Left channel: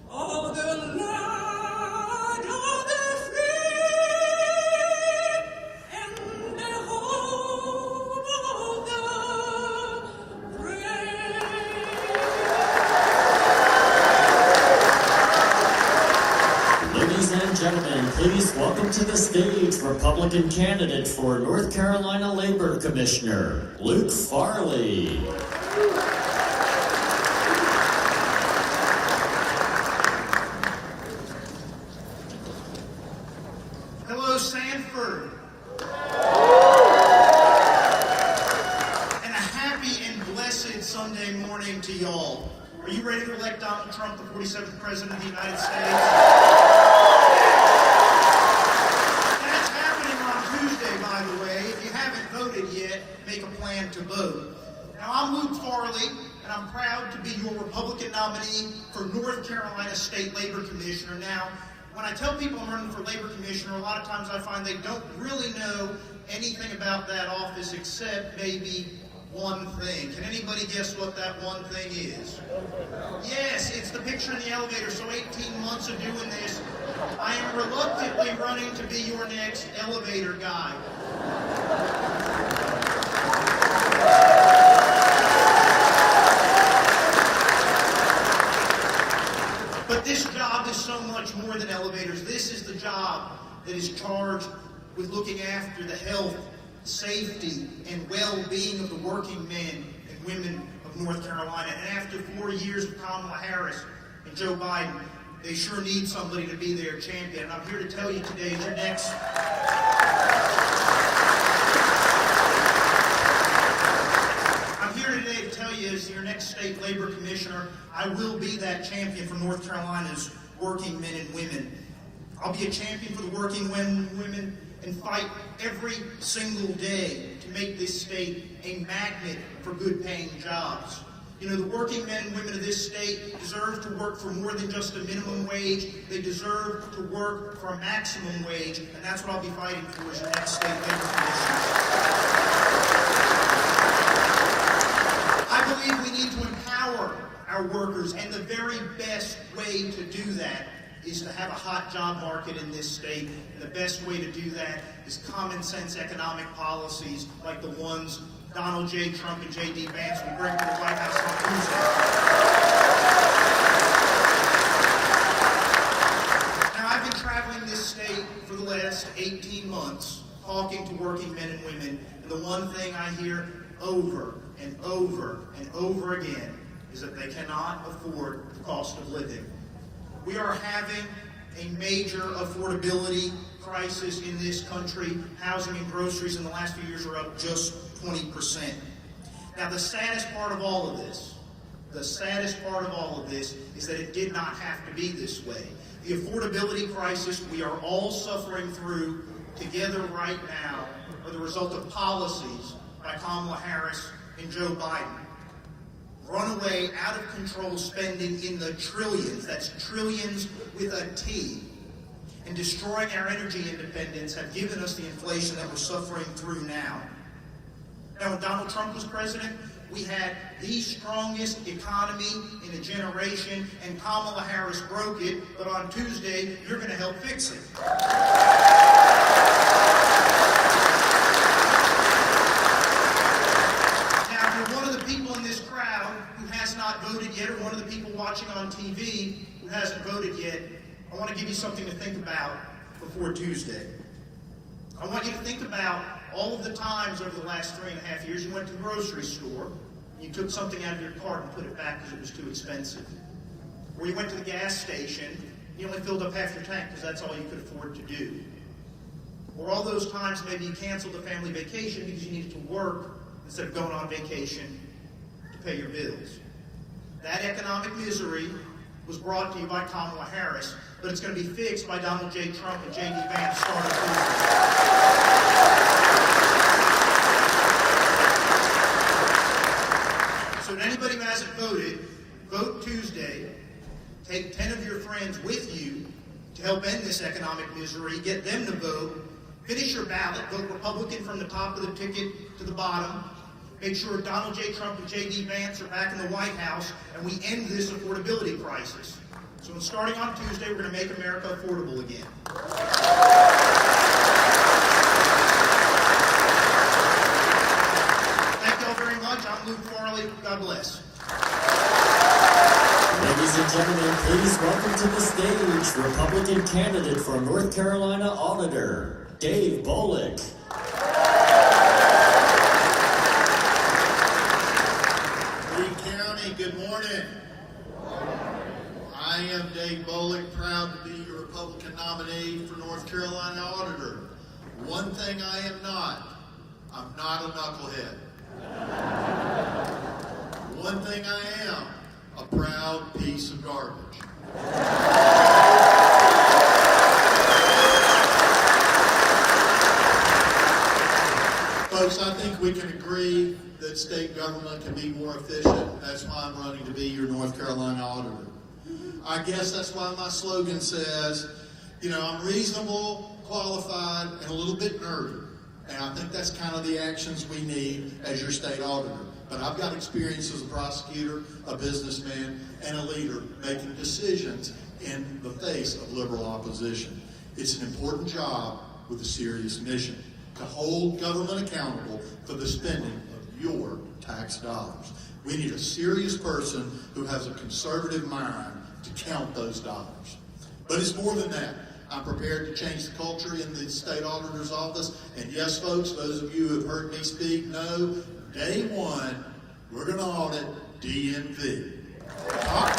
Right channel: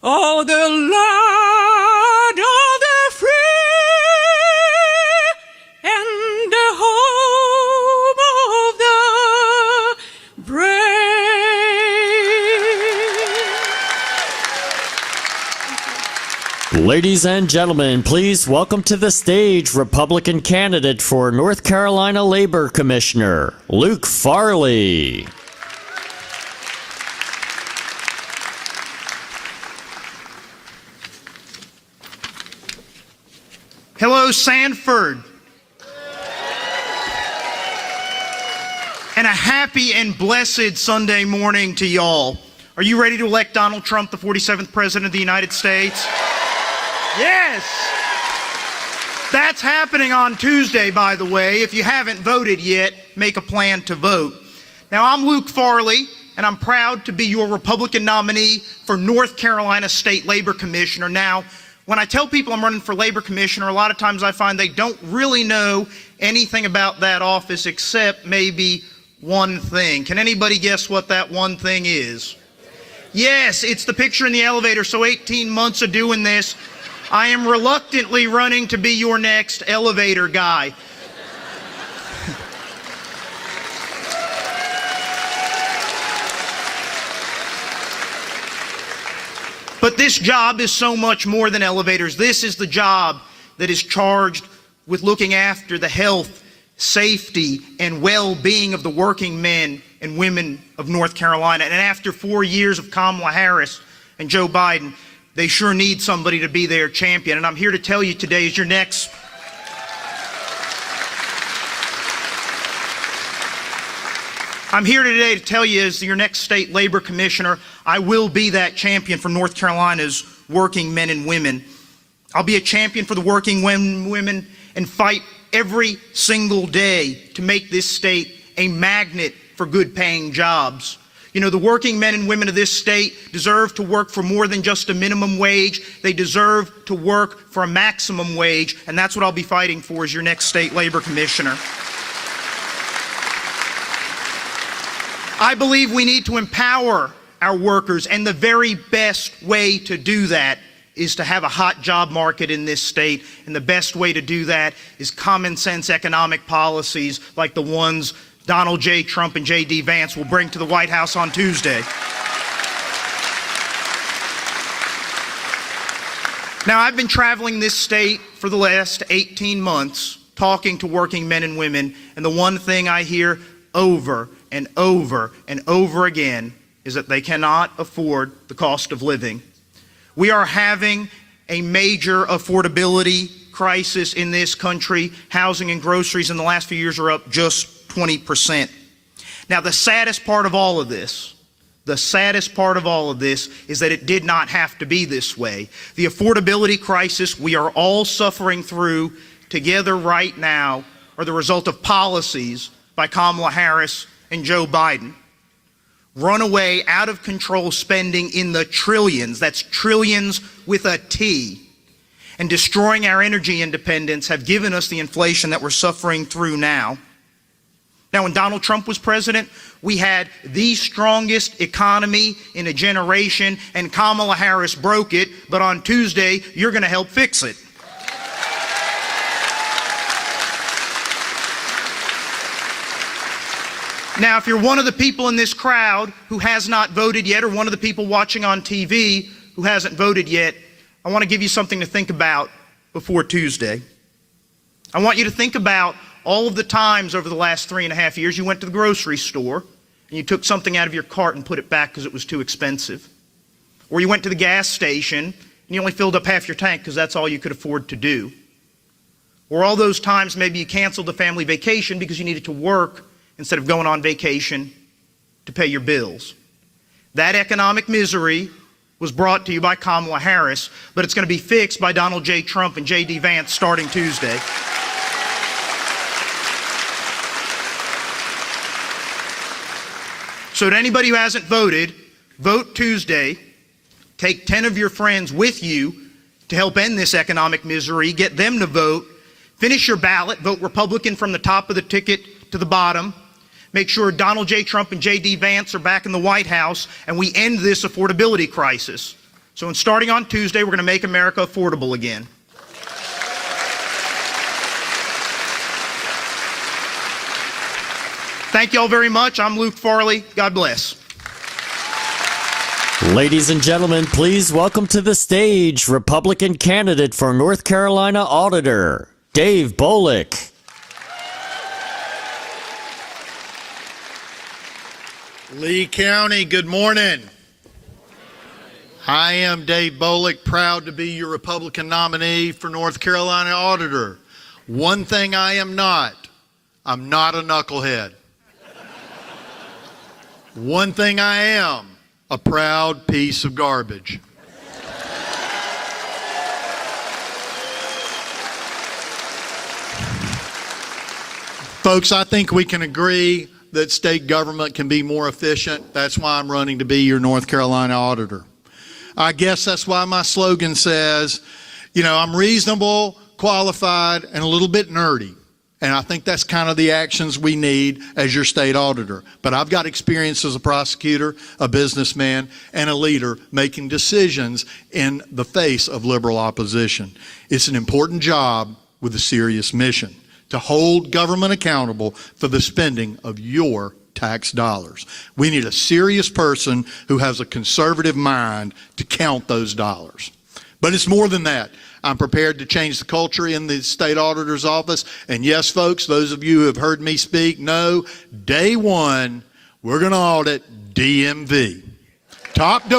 Oh, the land of the free and the home of the brave. Ladies and gentlemen, please welcome to the stage Republican candidate for North Carolina Labor Commissioner, Luke Farley. Hello, Sanford. And a happy and blessed Sunday morning to y'all. Are you ready to elect Donald Trump, the 47th President of the United States? Yes! That's happening on Tuesday, by the way. If you haven't voted yet, make a plan to vote. Now, I'm Luke Farley, and I'm proud to be your Republican nominee for North Carolina State Labor Commissioner. Now, when I tell people I'm running for Labor Commissioner, a lot of times I find they don't really know anything about that office except maybe one thing. Can anybody guess what that one thing is? Yes, it's the picture in the elevator. So 18 months of doing this, I am reluctantly running to be your next elevator guy. But this job is so much more than elevators. This is the job that is charged with looking after the health, safety, and well-being of the working men and women of North Carolina. And after 4 years of Kamala Harris and Joe Biden, they sure need somebody to be their champion. And I'm here to tell you today, as your next state labor commissioner, I will be that champion for North Carolina's working men and women. I'll be a champion for the working women and fight every single day to make this state a magnet for good-paying jobs. You know, the working men and women of this state deserve to work for more than just a minimum wage. They deserve to work for a maximum wage, and that's what I'll be fighting for as your next state labor commissioner. I believe we need to empower our workers, and the very best way to do that is to have a hot job market in this state, and the best way to do that is common sense economic policies like the ones Donald J. Trump and J.D. Vance will bring to the White House on Tuesday. Now, I've been traveling this state for the last 18 months, talking to working men and women, and the one thing I hear over and over and over again is that they cannot afford the cost of living. We are having a major affordability crisis in this country. Housing and groceries in the last few years are up just 20%. Now, the saddest part of all of this is that it did not have to be this way. The affordability crisis we are all suffering through together right now are the result of policies by Kamala Harris and Joe Biden. Runaway, out of control spending in the trillions, that's trillions with a T, and destroying our energy independence have given us the inflation that we're suffering through now. Now, when Donald Trump was president, we had the strongest economy in a generation, and Kamala Harris broke it, but on Tuesday, you're going to help fix it. Now, if you're one of the people in this crowd who has not voted yet, or one of the people watching on TV who hasn't voted yet, I want to give you something to think about before Tuesday. I want you to think about all of the times over the last 3.5 years you went to the grocery store and you took something out of your cart and put it back because it was too expensive. Or you went to the gas station and you only filled up half your tank because that's all you could afford to do. Or all those times maybe you canceled a family vacation because you needed to work instead of going on vacation to pay your bills. That economic misery was brought to you by Kamala Harris, but it's going to be fixed by Donald J. Trump and J.D. Vance starting Tuesday. So to anybody who hasn't voted, vote Tuesday. Take 10 of your friends with you to help end this economic misery. Get them to vote. Finish your ballot. Vote Republican from the top of the ticket to the bottom. Make sure Donald J. Trump and J.D. Vance are back in the White House, and we end this affordability crisis So starting on Tuesday, we're going to make America affordable again. Thank you all very much. I'm Luke Farley. God bless. Ladies and gentlemen, please welcome to the stage Republican candidate for North Carolina Auditor, Dave Bolick. Lee County, good morning. I am Dave Bolick, proud to be your Republican nominee for North Carolina Auditor. One thing I am not, I'm not a knucklehead. One thing I am, a proud piece of garbage. Folks, I think we can agree that state government can be more efficient. That's why I'm running to be your North Carolina Auditor. I guess that's why my slogan says, I'm reasonable, qualified, and a little bit nerdy. And I think that's kind of the actions we need as your state auditor. But I've got experience as a prosecutor, a businessman, and a leader making decisions in the face of liberal opposition. It's an important job with a serious mission to hold government accountable for the spending of your tax dollars. We need a serious person who has a conservative mind to count those dollars. But it's more than that. I'm prepared to change the culture in the state auditor's office. And yes, folks, those of you who have heard me speak know, day one, we're going to audit DMV. Top to